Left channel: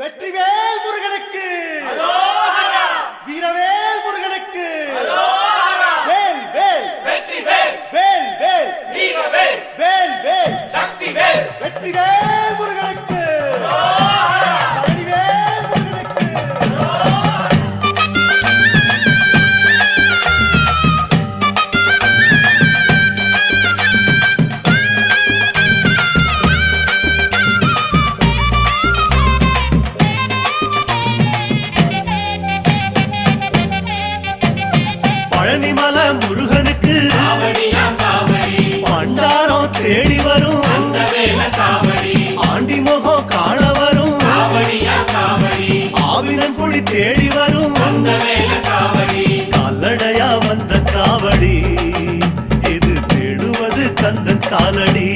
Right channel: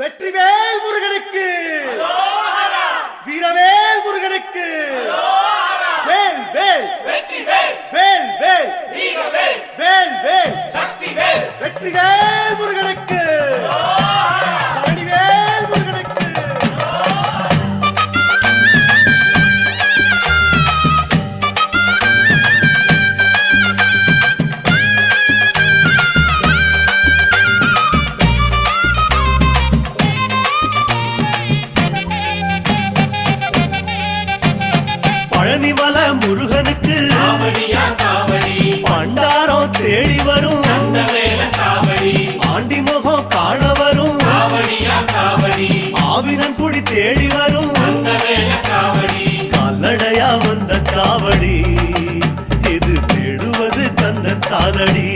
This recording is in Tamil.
வெற்றிவேல் முருகனுக்கு, வீரவேல் முருகனுக்கு, வேல் வேல் வேல் வேல் வேல் வேல் வெற்றிவேல் முருகனுக்கு, பழனிவேல் முருகனுக்கு. பழனிமல முருகனுக்கு பண்டாரம் தேடி வரும், ஆண்டி முகம் காண வரும், ஆவினன் குடி தேடி வரும், கால்நடையா வந்த காவடி இது தேடுவது கந்தன் காலடி.